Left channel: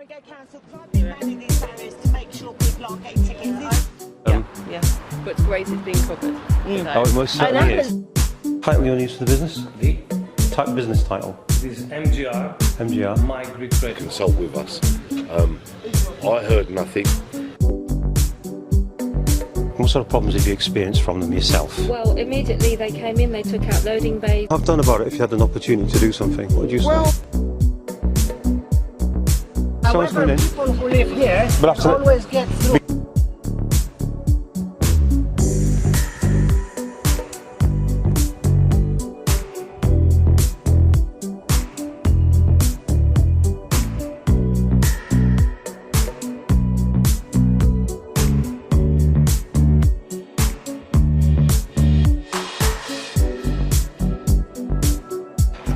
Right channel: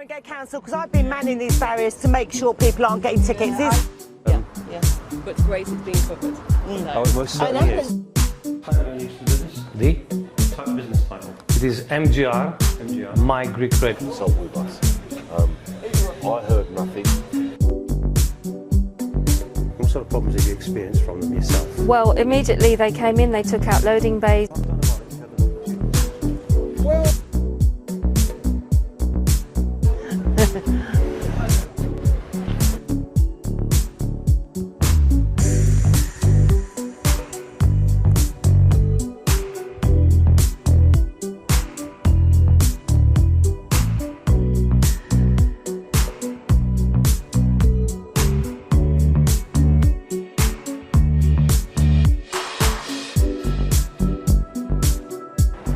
Haringey Council, because I've been manning these barriers to make sure people aren't getting tickets. Yeah, but it's great it's being covered. So. Oh, it most certainly is. Title you want to use for the business? The Type of business title? it is MGR. MGR. My Greek Trade. Consult with us. I heard nothing. What sort of problems have you experienced from them yourself? Well, immediately they came in, they took out loading bays. I've done about it if you had an opportunity to do something. What would you say? Well, Someone's coming in. people who live here But after that- always get through.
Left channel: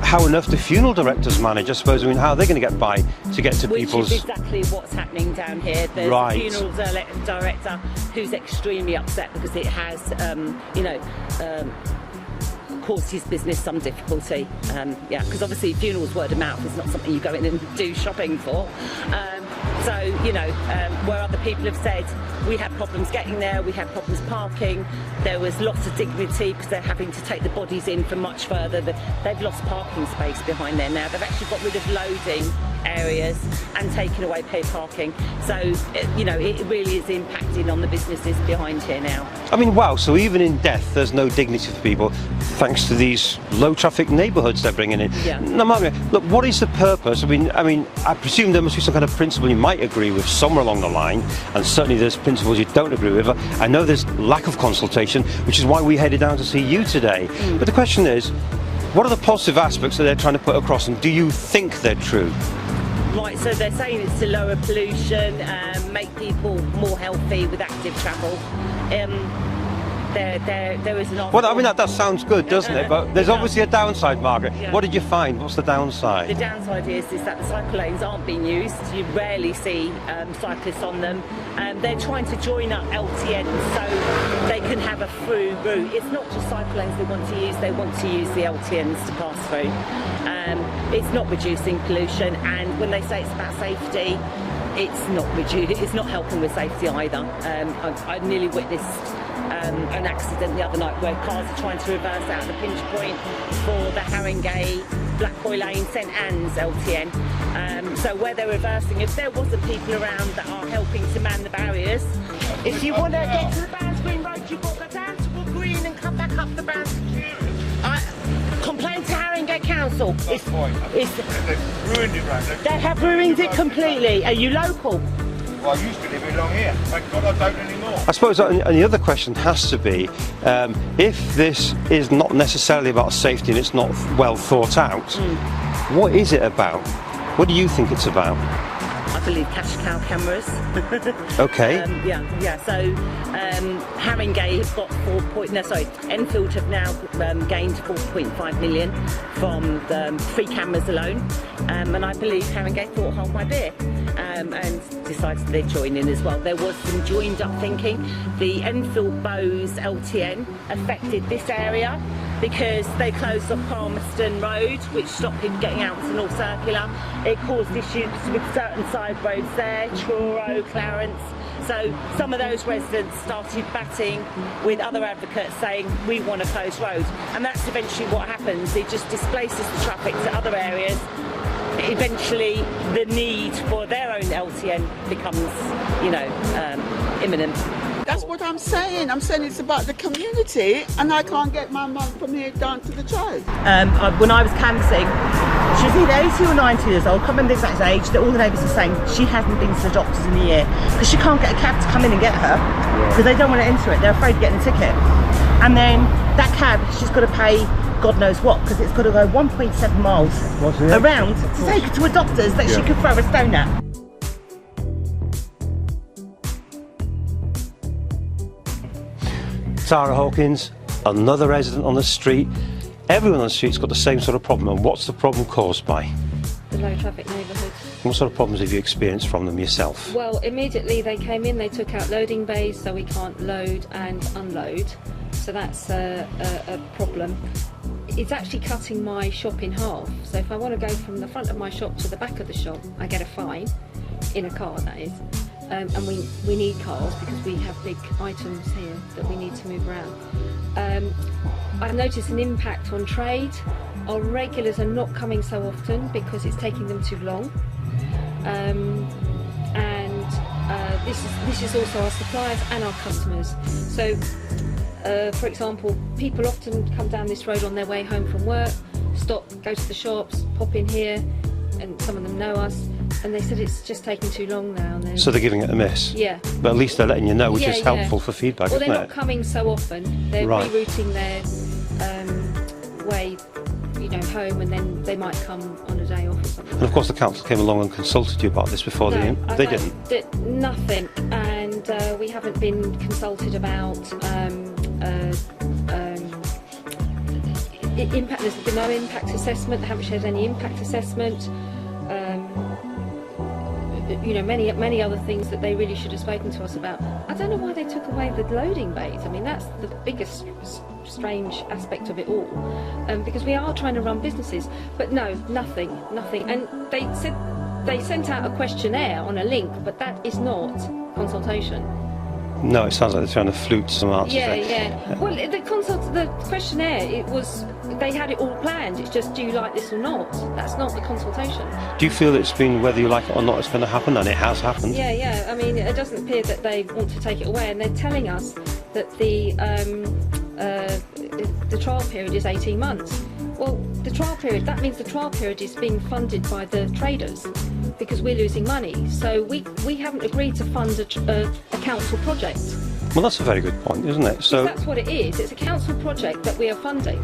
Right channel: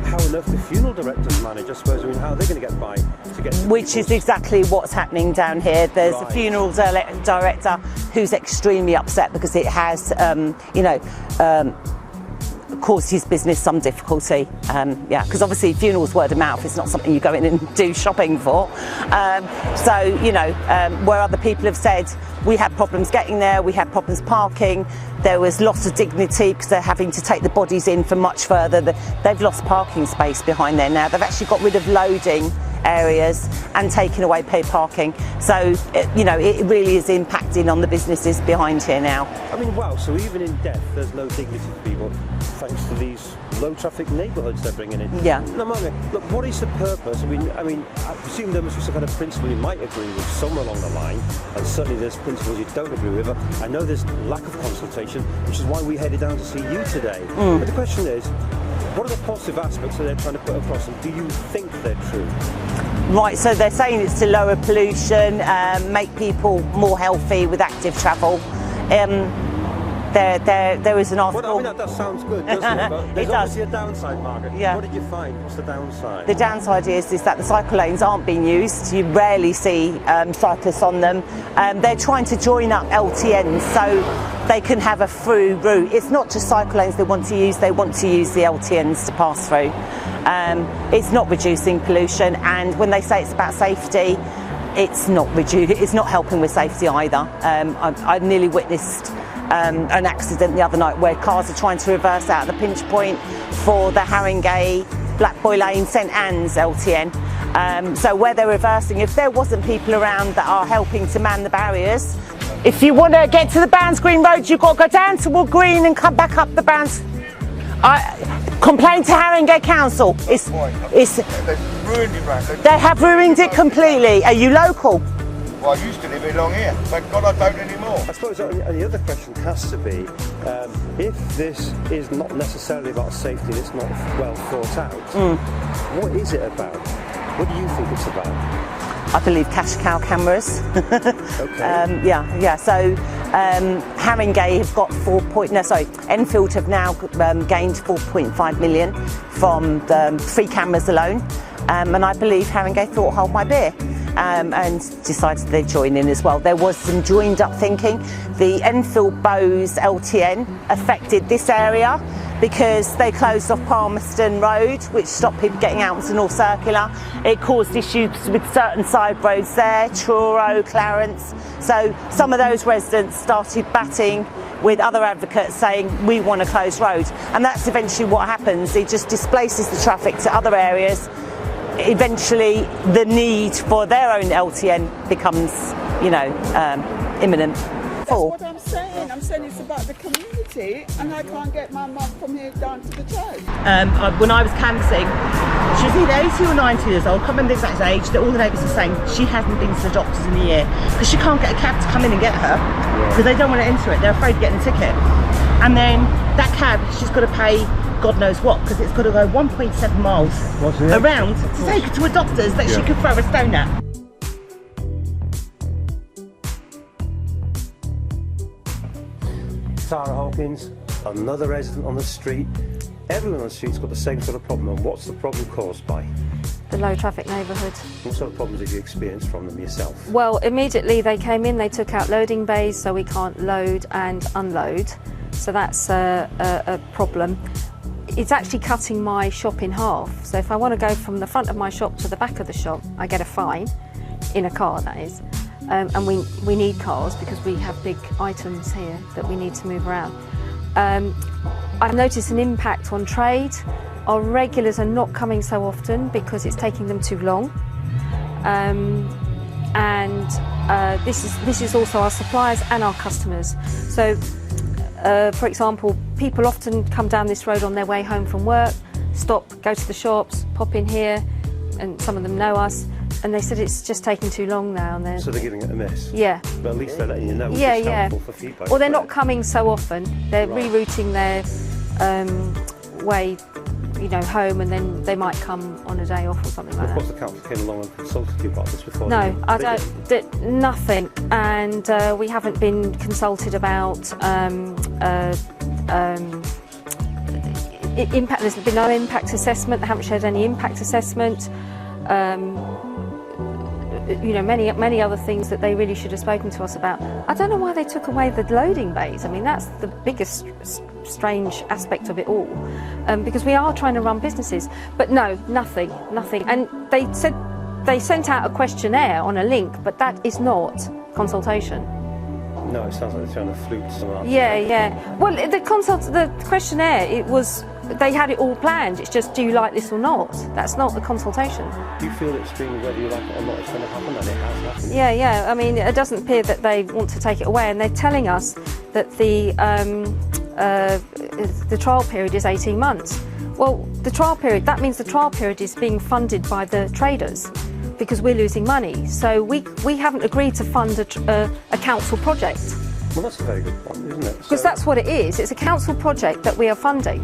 How on earth do funeral directors manage? I suppose. I mean, how are they going to get by to get to Which people's... is exactly what's happening down here. There's Right. a funeral director who's extremely upset because it has, caused his business some difficulty. Because obviously funerals word of mouth is not something you go in and do shopping for. Where other people have said we had problems getting there, we had problems parking, there was loss of dignity because they're having to take the bodies in from much further. They've lost parking space behind there now. They've actually got rid of loading areas and taken away paid parking. So, it really is impacting on the businesses behind here now. I mean, wow, so even in death, there's no dignity for people, thanks to these low-traffic neighbourhoods they're bringing in. Yeah. No, look, what is the purpose? I mean, I presume there must be some kind of principle you might agree with somewhere along the line, and certainly there's principles you don't agree with. But I know there's lack of consultation, which is why we headed down to see you today. But the question is, what are the positive aspects that they're trying to put across, and do you think they're true? Right, so they're saying it's to lower pollution, make people more healthy with active travel. There is an article... Well, I mean, that sounds good, doesn't it? But there's obviously a downside, Margaret. Yeah. What did you find? What's the downside? The downside is that the cycle lanes aren't being used. You rarely see cyclists on them. They're trying to join up LTNs so they can have a through route. It's not just cycle lanes they want to use the LTNs to pass through. It's not reducing pollution, and when they say it's about safety, it's not helping with safety either. I nearly witnessed an accident the other night where cars are trying to reverse out the pinch point for the Haringey Black Boy Lane St Anne's LTN. So where they're reversing, if there wasn't people around that are helping to man the barriers, if you want to get to the Barnes Green Road, you've got to go down to Wood Green and come back up the Barnes. Complain to Haringey Council. They've ruined it round there. They have ruined it completely. Are you local? Well, I used to live along here. Thank God I don't anymore. I suppose and the other question has to be, if this is not necessarily about safety and it's not well thought out, what is it about? What do you think it's about? I believe cash cow cameras. Okay. So Haringey have got Enfield have now gained 4.5 million from the 3 cameras alone, and I believe Haringey thought, hold my beer, and decided they'd join in as well. There was some joined up thinking. The Enfield Boroughs LTN affected this area because they closed off Palmerston Road, which stopped people getting out to North Circular. It caused issues with certain side roads there, Truro, Clarence. So some of those residents started batting with other advocates saying, we want to close roads. And that's eventually what happens. It just displaces the traffic to other areas. Eventually, the need for their own LTN becomes, imminent. That's what I'm saying. I'm saying it's about the community, and I can't get my mum from here down to the train. When I was canvassing, she was either 80 or 90 years old, I can't remember the exact age, that all the neighbours are saying she hasn't been to the doctors in a year because she can't get a cab to come in and get her because they don't want to enter it, they're afraid of getting a ticket. And then that cab, she's got to pay God knows what, because it's got to go 1.7 miles around to take her to a doctor's that she could throw a stone at. Tara Hawkins, another resident on the street. Everyone on the street's got the same sort of problem, and what's the problem caused by? The low traffic neighbourhood. What sort of problems have you experienced from them yourself? Well, immediately they came in, they took out loading bays so we can't load and unload. So that's a problem. It's actually cutting my shop in half. So if I want to go from the front of my shop to the back of the shop, I get a fine. in a car, that is. And we need cars because we have big items here that we need to move around. I've noticed an impact on trade. Our regulars are not coming so often because it's taking them too long. This is also our suppliers and our customers. So, for example, people often come down this road on their way home from work, stop, go to the shops, pop in here, and some of them know us, and they said it's just taking too long now. And so they're giving it a miss? Yeah. But at least they're letting you know, which is helpful for feedback. Well, they're not coming so often. They're rerouting their way, you know, home, and then they might come on a day off or something like that. And of course the council came along and consulted you about this before. No, they didn't? Nothing, and we haven't been consulted about impact. There's been no impact assessment. They haven't shared any impact assessment. You know, many other things that they really should have spoken to us about. I don't know why they took away the loading bays. I mean, that's the biggest strange aspect of it all, because we are trying to run businesses. But no, nothing. And they said they sent out a questionnaire on a link, but that is not consultation. No, it sounds like they're trying to flute some answers. Yeah. Well, the questionnaire, it was, they had it all planned. It's just, do you like this or not? That's not the consultation. Do you feel it's been, whether you like it or not, it's going to happen, and it has happened? Yeah. I mean, it doesn't appear that they want to take it away, and they're telling us that the trial period is 18 months. Well, the trial period, that means the trial period is being funded by the traders, because we're losing money. So we haven't agreed to fund a council project. Well, that's a very good point, isn't it? Because that's what it is. It's a council project that we are funding,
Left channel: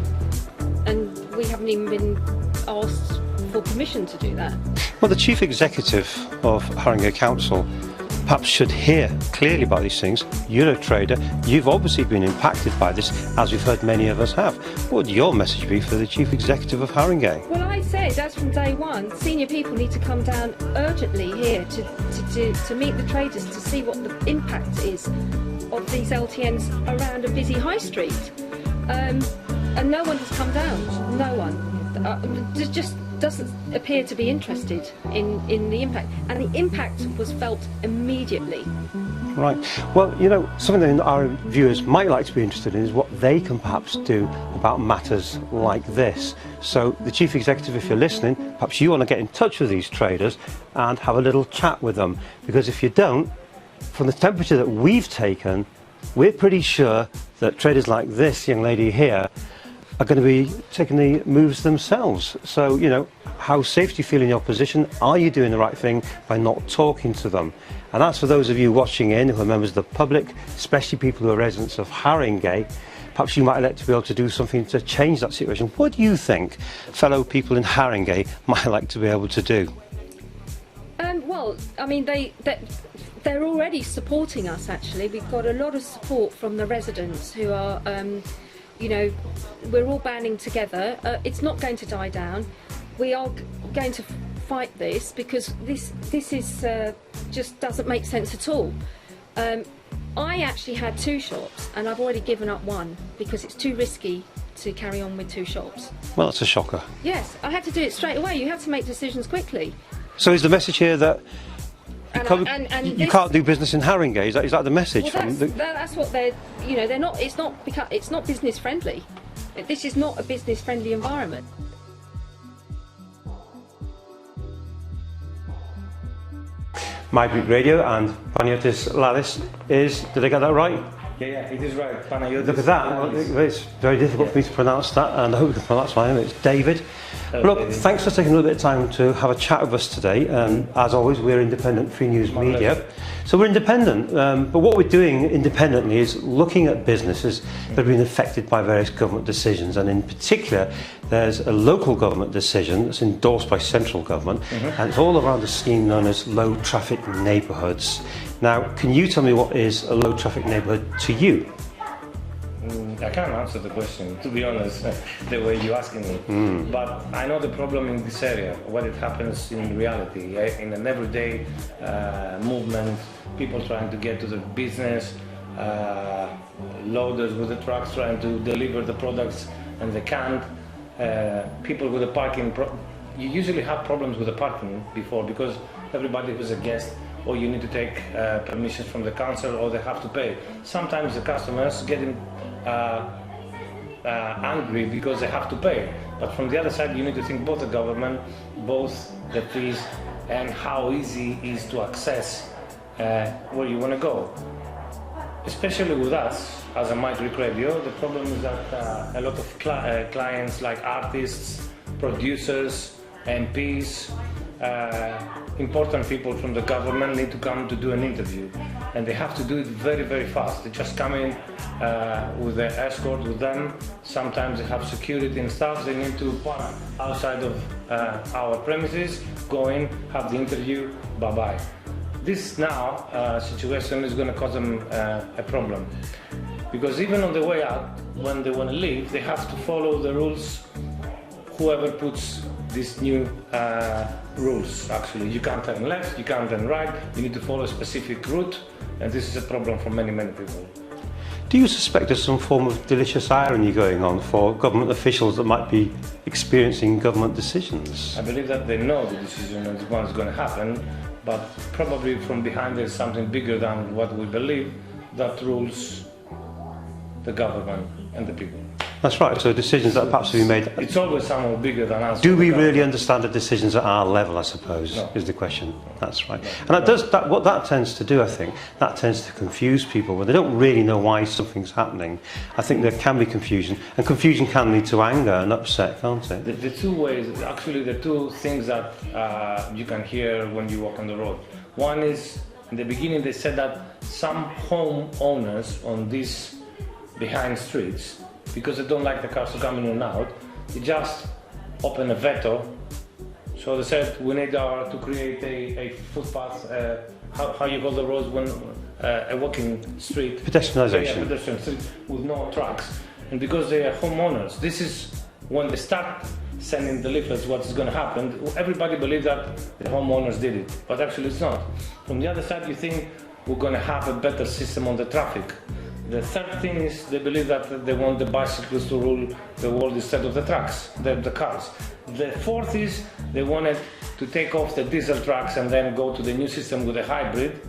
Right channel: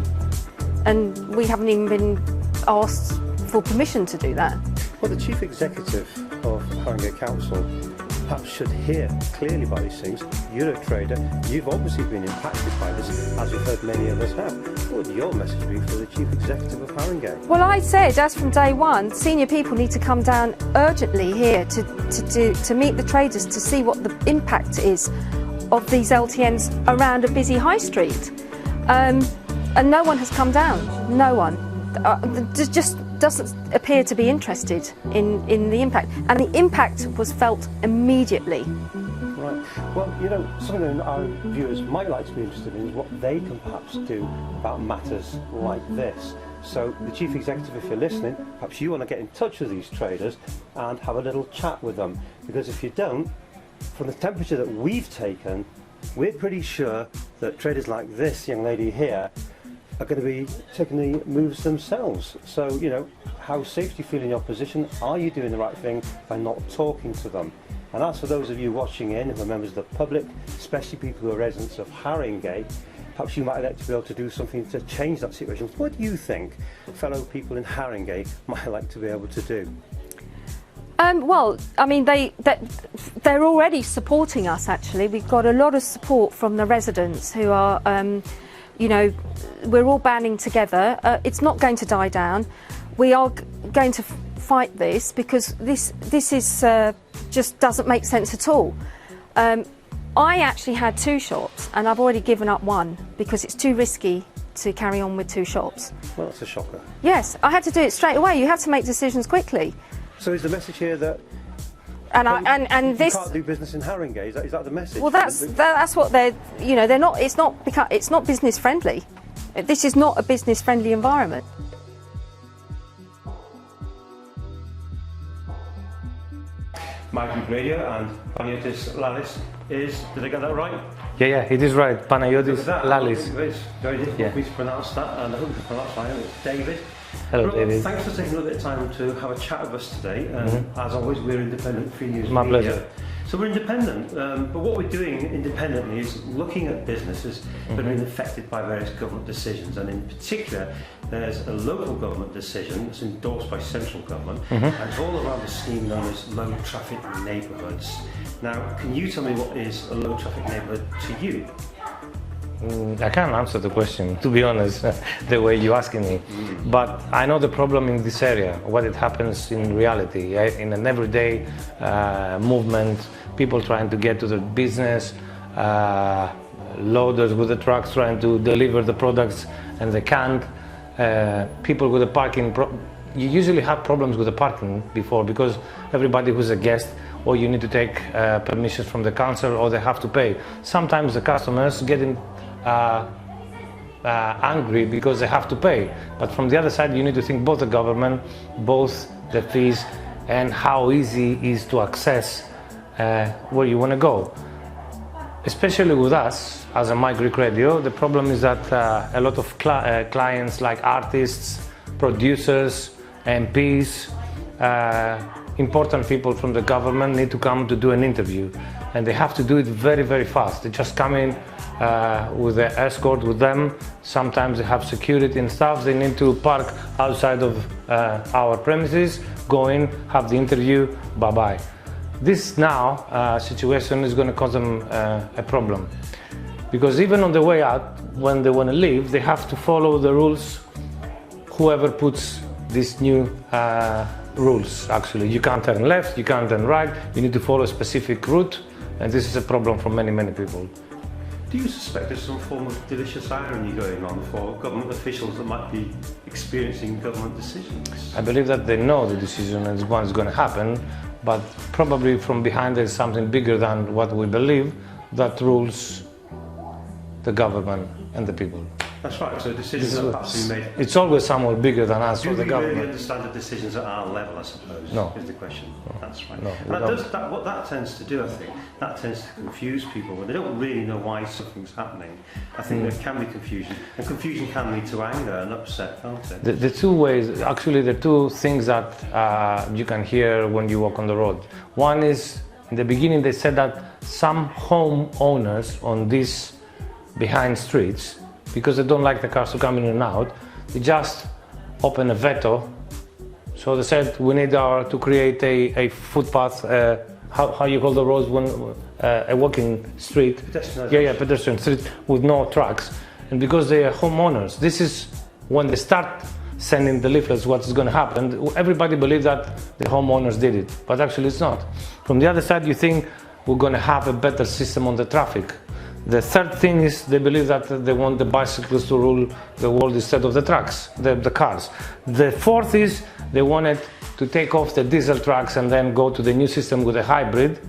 and we haven't even been asked for permission to do that. Well, the Chief Executive of Haringey Council perhaps should hear clearly about these things. You're a trader, you've obviously been impacted by this, as we've heard many of us have. What would your message be for the Chief Executive of Haringey? Well, I said, as from day one, senior people need to come down urgently here to meet the traders to see what the impact is of these LTNs around a busy high street. And no one has come down, no one. Just doesn't appear to be interested in the impact, and the impact was felt immediately. Right. Well, you know, something that our viewers might like to be interested in is what they can perhaps do about matters like this. So, the Chief Executive, if you're listening, perhaps you want to get in touch with these traders and have a little chat with them, because if you don't, from the temperature that we've taken, we're pretty sure that traders like this young lady here are going to be taking the moves themselves. So, you know, how safe do you feel in your position? Are you doing the right thing by not talking to them? And as for those of you watching in who are members of the public, especially people who are residents of Haringey, perhaps you might like to be able to do something to change that situation. What do you think fellow people in Haringey might like to be able to do? Well, I mean, they're already supporting us, actually. We've got a lot of support from the residents who are, you know, we're all banding together. It's not going to die down. We are going to fight this, because this is just doesn't make sense at all. I actually had 2 shops, and I've already given up one because it's too risky to carry on with 2 shops. Well, that's a shocker. Yes, I had to do it straight away. You have to make decisions quickly. So is the message here that you can't do business in Haringey? Is that the message? Well, that's what they're. You know, they're not. It's not business friendly. This is not a business friendly environment. Myddleton Radio and Panagiotis Lalis is, did I get that right? Yeah, it is right. Panagiotis Look at that. Lalis. It's very difficult for me to pronounce that, and I hope you can pronounce my name. It's David. Hello, Look, David. thanks for taking a little bit of time to have a chat with us today. As always, we're independent free news My media. pleasure. So we're independent, but what we're doing independently is looking at businesses that have been affected by various government decisions, and in particular, there's a local government decision that's endorsed by central government, and it's all around a scheme known as low traffic neighbourhoods. Now, can you tell me what is a low traffic neighbourhood to you? I can't answer the question, to be honest, the way you're asking me. But I know the problem in this area, what it happens in reality, in an everyday movement, people trying to get to the business, loaders with the trucks trying to deliver the products and they can't, people with the parking you usually have problems with the parking before, because everybody who's a guest, or you need to take permissions from the council, or they have to pay. Sometimes the customers getting angry because they have to pay. But from the other side, you need to think both the government, both the fees, and how easy it is to access where you want to go. Especially with us, as a My Greek Radio, the problem is that a lot of clients like artists, producers, MPs, important people from the government need to come to do an interview, and they have to do it very, very fast. They just come in with an escort with them. Sometimes they have security and stuff. They need to park outside of our premises, go in, have the interview, bye-bye. This now situation is going to cause them a problem, because even on the way out, when they want to leave, they have to follow the rules. Whoever puts these new rules, actually, you can't turn left, you can't turn right, you need to follow a specific route, and this is a problem for many, many people. Do you suspect there's some form of delicious irony going on for government officials that might be experiencing government decisions? I believe that they know the decision and what's going to happen, but probably from behind there's something bigger than what we believe that rules the government and the people. That's right, so decisions that perhaps be made... It's always somewhat bigger than us. Do we really understand the decisions at our level, I suppose, is the question. No. That's right. No. And what that tends to do, I think, that tends to confuse people when they don't really know why something's happening. I think there can be confusion, and confusion can lead to anger and upset, can't it? The two ways, actually the two things that you can hear when you walk on the road. One is, in the beginning they said that some homeowners on these behind streets, because they don't like the cars to come in and out, they just open a veto. So they said we need to create a footpath, how you call the roads when a walking street. Pedestrianisation. Yeah, pedestrian street with no trucks. And because they are homeowners, this is when they start sending the leaflets what's going to happen. Everybody believes that the homeowners did it, but actually it's not. From the other side, you think we're going to have a better system on the traffic. The third thing is they believe that they want the bicycles to rule the world instead of the trucks, the cars. The fourth is they wanted to take off the diesel trucks and then go to the new system with a hybrid.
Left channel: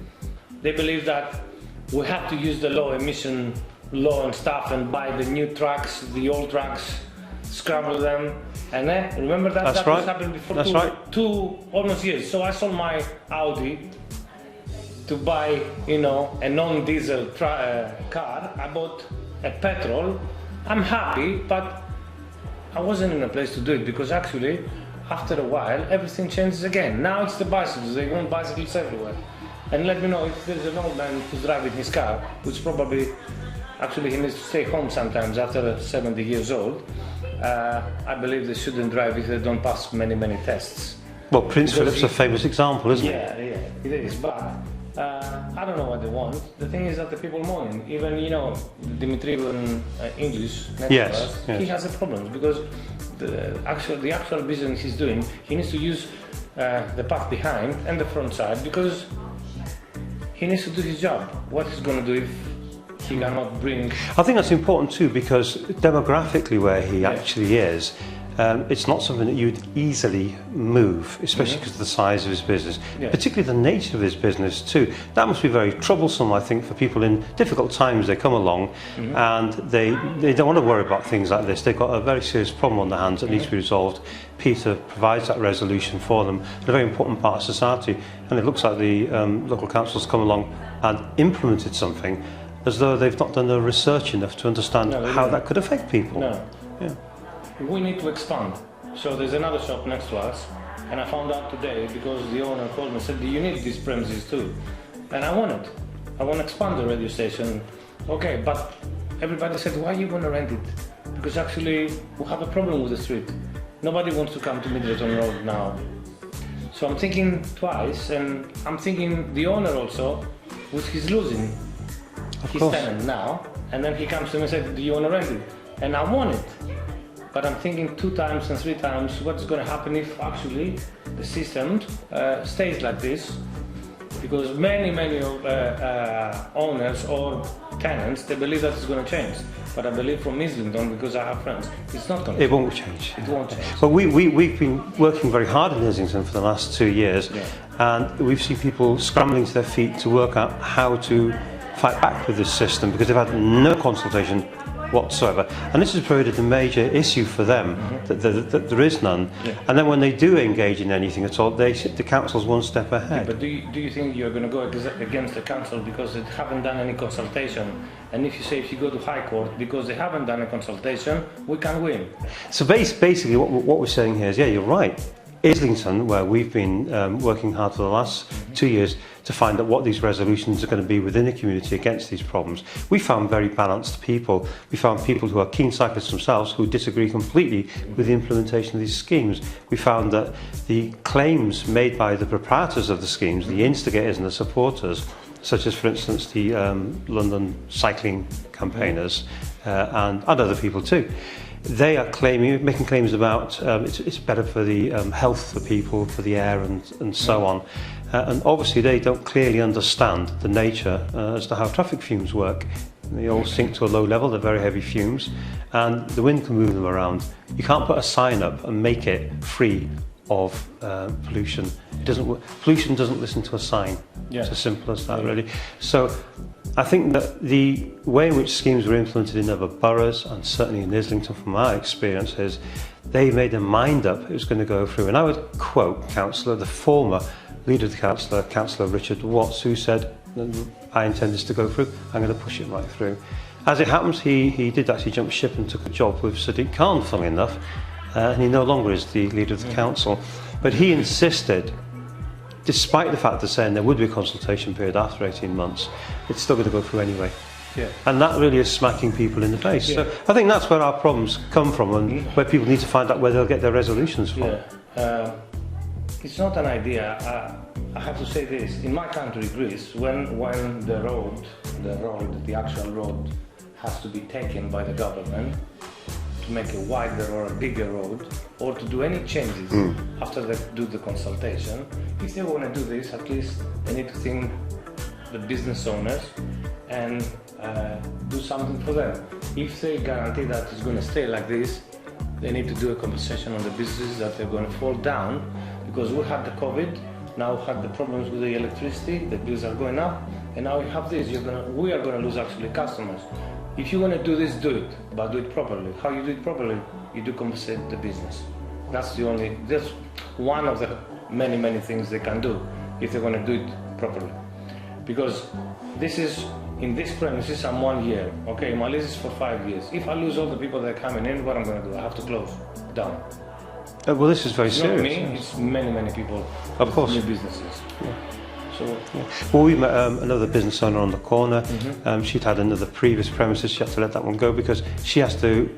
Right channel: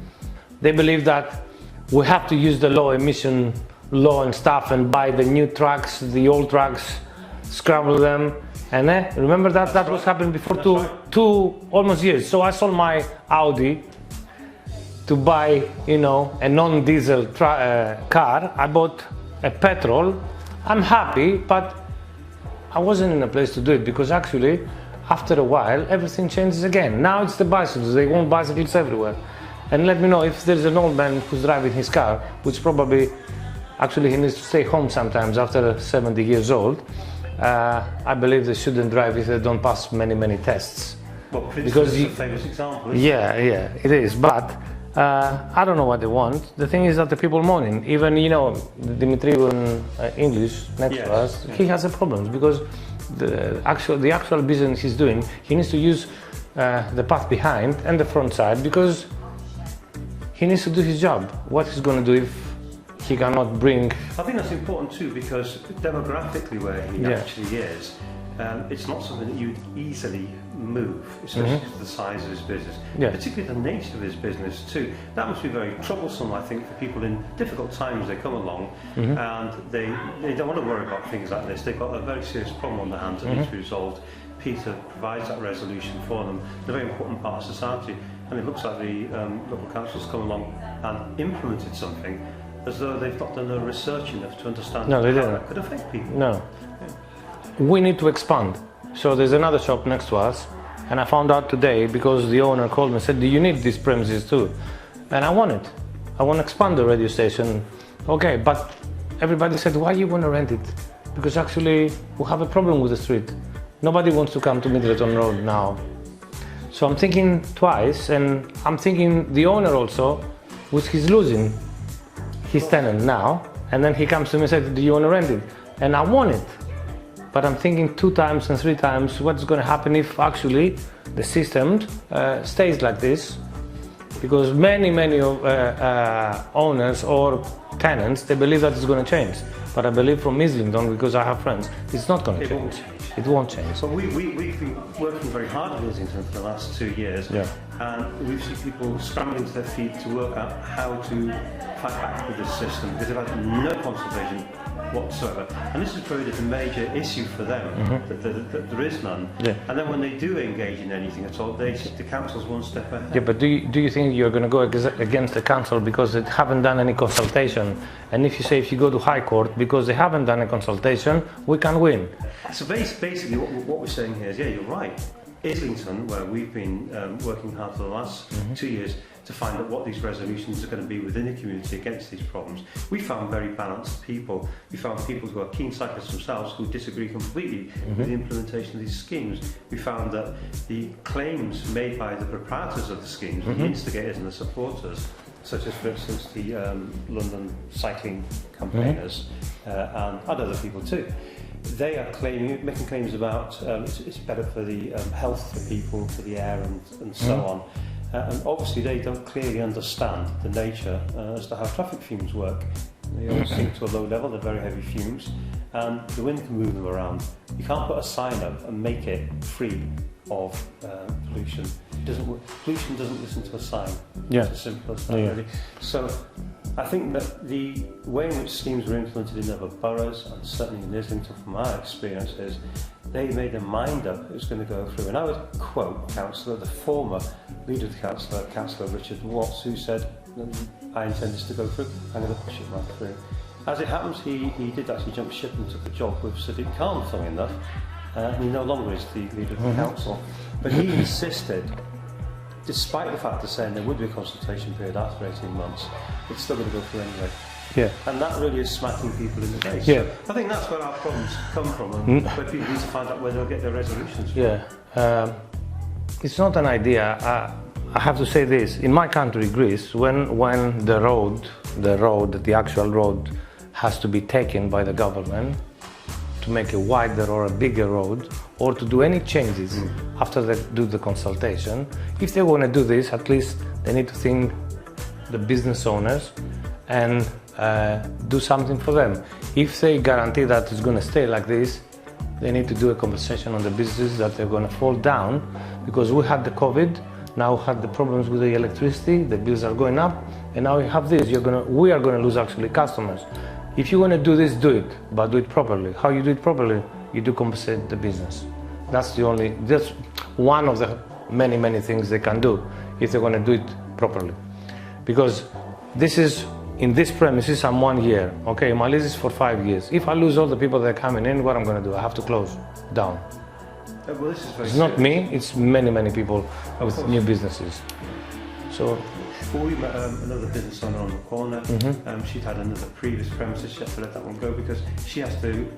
They believe that we have to use the low emission law and stuff and buy the new trucks, the old trucks, scramble them. And remember that That's right. was happening before two almost years. So I sold my Audi to buy, a non-diesel car. I bought a petrol. I'm happy, but I wasn't in a place to do it, because actually, after a while, everything changes again. Now it's the bicycles. They want bicycles everywhere. And let me know if there's an old man who's driving his car, which probably, actually he needs to stay home sometimes after 70 years old. I believe they shouldn't drive if they don't pass many, many tests. Well, Prince Philip's a famous example, isn't it? Yeah, it is. But I don't know what they want. The thing is that the people moaning, even Dimitri in English next to us, he has a problem, because the actual business he's doing, he needs to use the path behind and the front side, because he needs to do his job. What he's going to do if he cannot bring... I think that's important too, because demographically where he actually is, it's not something that you would easily move, especially because of the size of his business, particularly the nature of his business too. That must be very troublesome, I think, for people in difficult times. They come along and they don't want to worry about things like this. They've got a very serious problem on their hands that needs to be resolved. Peter provides that resolution for them, a very important part of society, and it looks like the local councils come along and implemented something as though they've not done the research enough to understand how that could affect people. No. Yeah. We need to expand. So there's another shop next to us, and I found out today because the owner called me and said, do you need these premises too? And I want it. I want to expand the radio station. Okay, but everybody said, why you want to rent it? Because actually we have a problem with the street. Nobody wants to come to Myddleton Rd now. So I'm thinking twice, and I'm thinking the owner also, which he's losing his tenant now, and then he comes to me and says, do you want to rent it? And I want it. But I'm thinking 2 times and 3 times what's going to happen if actually the system stays like this, because many owners or tenants, they believe that it's going to change. But I believe from Islington, because I have friends, it's not going to change. It won't change. It won't change. But we've been working very hard in Islington for the last 2 years, and we've seen people scrambling to their feet to work out how to fight back with this system, because they've had no consultation whatsoever. And this has created a major issue for them, that there is none. And then when they do engage in anything at all, the council's one step ahead. Yeah, but do you think you're going to go against the council because they haven't done any consultation? And if you go to High Court because they haven't done a consultation, we can win. So basically what we're saying here is, yeah, you're right. Islington, where we've been working hard for the last 2 years to find out what these resolutions are going to be within the community against these problems. We found very balanced people. We found people who are keen cyclists themselves who disagree completely with the implementation of these schemes. We found that the claims made by the proprietors of the schemes, the instigators and the supporters, such as, for instance, the London cycling campaigners and other people too, they are making claims about it's better for the health of people, for the air and so on. And obviously they don't clearly understand the nature as to how traffic fumes work. They all sink to a low level, they're very heavy fumes, and the wind can move them around. You can't put a sign up and make it free of pollution. Pollution doesn't listen to a sign. It's as simple as that, really. So I think that the way in which schemes were implemented in other boroughs, and certainly in Islington from our experience, is they made their mind up it was going to go through. And I would quote the former leader of the Councillor Richard Watts, who said, I intend this to go through, I'm going to push it right through. As it happens, he did actually jump ship and took a job with Sadiq Khan, funnily enough, and he no longer is the leader of the council. But he insisted, despite the fact they're saying there would be a consultation period after 18 months, it's still going to go through anyway. And that really is smacking people in the face. So I think that's where our problems come from, and where people need to find out where they'll get their resolutions from. It's not an idea. I have to say this. In my country, Greece, when the actual road has to be taken by the government to make a wider or a bigger road, or to do any changes after they do the consultation, if they want to do this, at least they need to think the business owners and do something for them. If they guarantee that it's going to stay like this, they need to do a compensation on the businesses that they're going to fall down, because we had the COVID, now we had the problems with the electricity, the bills are going up, and now we have this. We are going to lose actually customers. If you want to do this, do it, but do it properly. How you do it properly? You do compensate the business. That's one of the many things they can do if they want to do it properly. Because this is, in this premises, I'm 1 year. Okay, my lease is for 5 years. If I lose all the people that are coming in, what I'm going to do? I have to close down. Well, this is very It's serious. not me, it's many people Of course. new businesses. Well, we met another business owner on the corner. She'd had another previous premises. She had to let that one go because she has to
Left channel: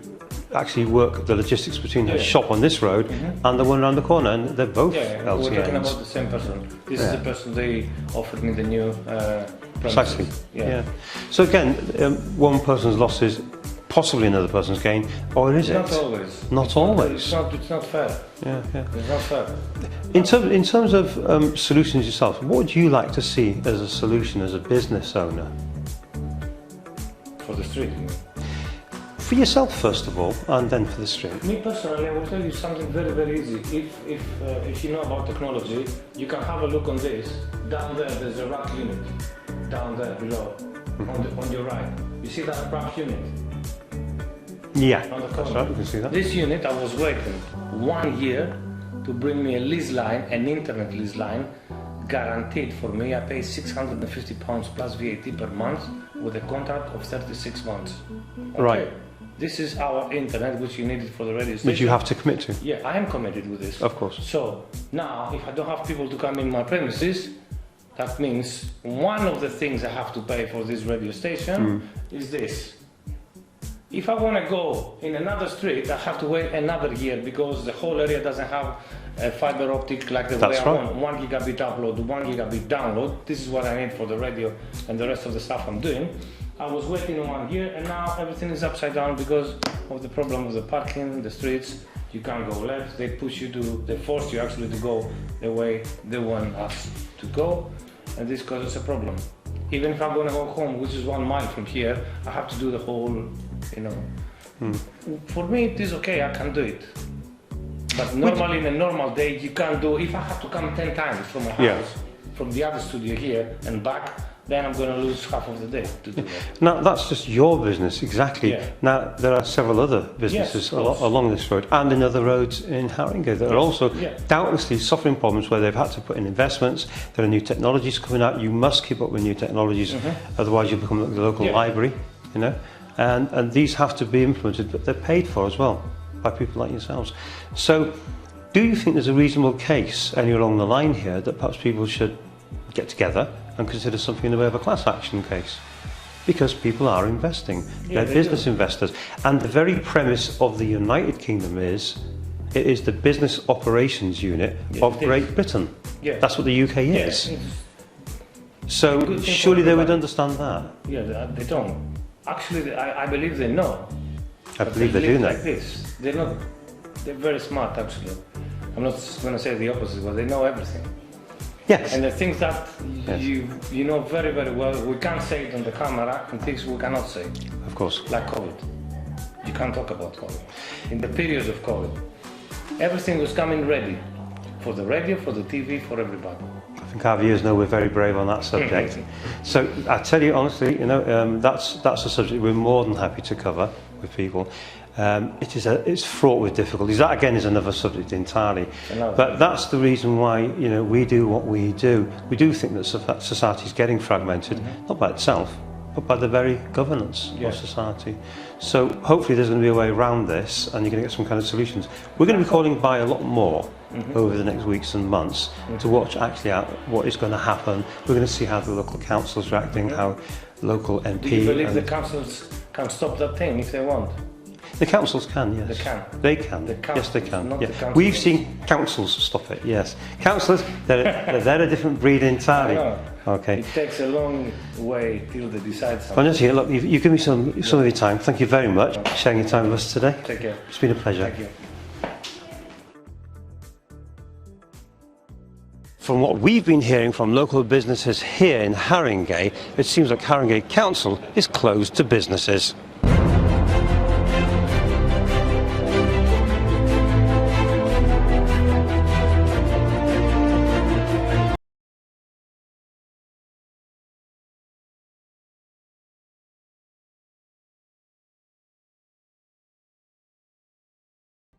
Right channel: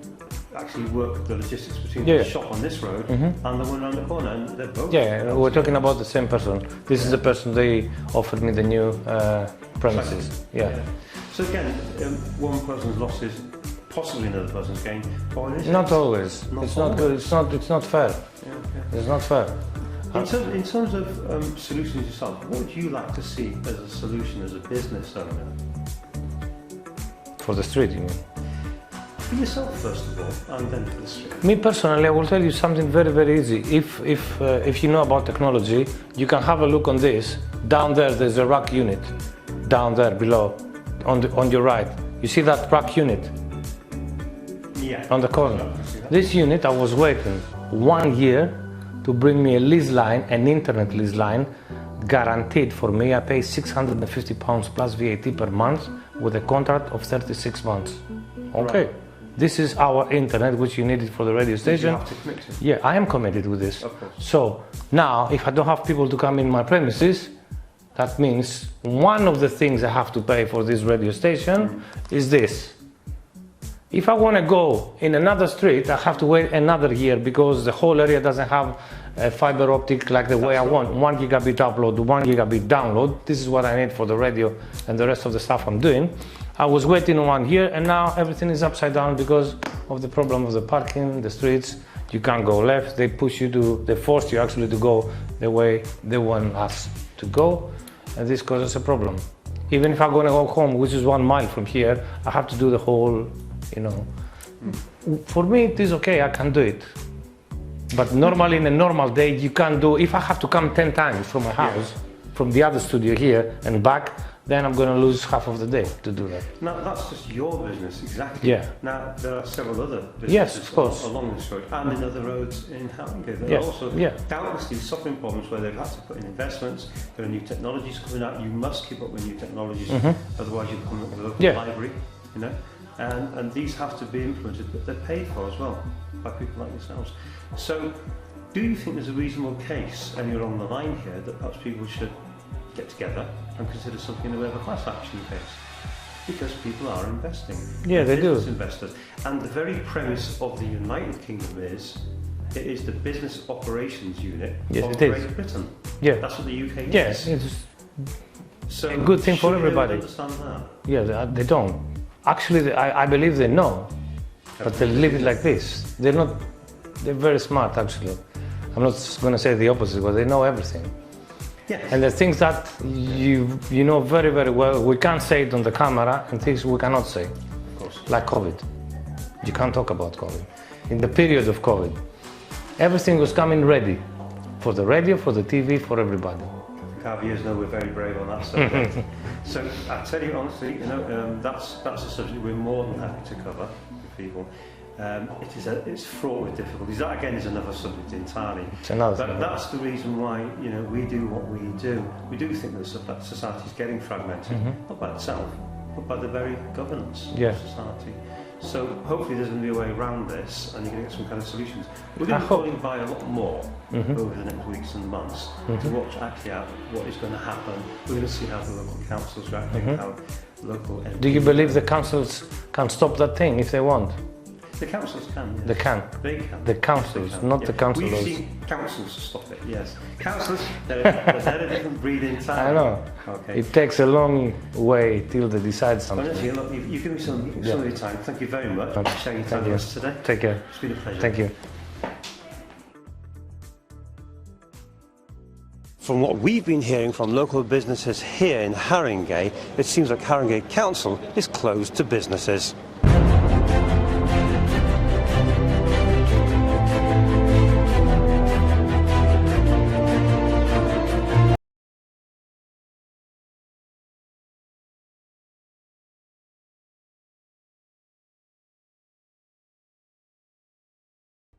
actually work the logistics between the shop on this road and the one around the corner, and they're both LTNs. We're talking about the same person. This is the person they offered me the new premises. So again, one person's loss is possibly another person's gain, or is it? Not always. Not always. It's not fair. It's not fair. In terms of solutions yourself, what would you like to see as a solution as a business owner? For the street, you mean? For yourself, first of all, and then for the street. Me personally, I will tell you something very easy. If you know about technology, you can have a look on this. Down there's a rack unit. Down there below, on your right. You see that rack unit? Yeah. On the corner. Sorry, can see that. This unit, I was waiting 1 year to bring me a lease line, an internet lease line, guaranteed for me. I pay £650 plus VAT per month with a contract of 36 months. Okay. Right. This is our internet, which you needed for the radio station. Which you have to commit to. Yeah, I am committed with this. Of course. So now, if I don't have people to come in my premises, that means one of the things I have to pay for this radio station is this. If I want to go in another street, I have to wait another year because the whole area doesn't have a fiber optic like the way I want. 1 gigabit upload, 1 gigabit download. This is what I need for the radio and the rest of the stuff I'm doing. I was waiting 1 year and now everything is upside down because of the problem of the parking, the streets. You can't go left. They force you actually to go the way they want us to go. and this causes a problem. Even if I'm going to go home, which is 1 mile from here, I have to do the whole, you know. For me, it is okay, I can do it. But normally, in a normal day, you can't do. If I have to come 10 times from my house, from the other studio here and back, then I'm going to lose half of the day to do that. Now, that's just your business, exactly. Yeah. Now, there are several other businesses along this road and in other roads in Haringey that are also doubtlessly suffering problems where they've had to put in investments. There are new technologies coming out. You must keep up with new technologies, otherwise you become like the local library, you know. And these have to be implemented, but they're paid for as well by people like yourselves. So, do you think there's a reasonable case anywhere along the line here that perhaps people should get together and consider something in the way of a class action case? Because people are investing, they're business investors, and the very premise of the United Kingdom is it is the business operations unit of Great Britain. Yeah, that's what the UK is. Yes. So good thing surely they would understand that. Yeah, they don't. Actually, I believe they know, but they live like this. They're not. They're very smart, actually. I'm not going to say the opposite, but they know everything. Yes. And the things that you know very, very well, we can't say it on the camera, and things we cannot say. Of course. Like COVID. You can't talk about COVID. In the period of COVID, everything was coming ready. For the radio, for the TV, for everybody. I think our viewers know we're very brave on that subject. So I tell you honestly, you know, that's a subject we're more than happy to cover with people. It's fraught with difficulties. That again is another subject entirely. But that's the reason why, you know, we do what we do. We do think that society is getting fragmented, not by itself, but by the very governance of society. So hopefully there's going to be a way around this, and you're going to get some kind of solutions. We're going to be calling by a lot more over the next weeks and months to watch actually out what is going to happen. We're going to see how the local councils are acting, how local MPs. Do you believe the councils can stop that thing if they want? The councils can, yes. They can. They can. The councils, yes, they can. not the councils. We've seen councils stop it, yes. Councillors, they're a different breed entirely. I know. Okay. It takes a long way till they decide something. Honestly, look, you've given me some of your time. Thank you very much for sharing your time with us today. Take care. It's been a pleasure. Thank you. From what we've been hearing from local businesses here in Haringey, it seems like Haringey Council is closed to businesses.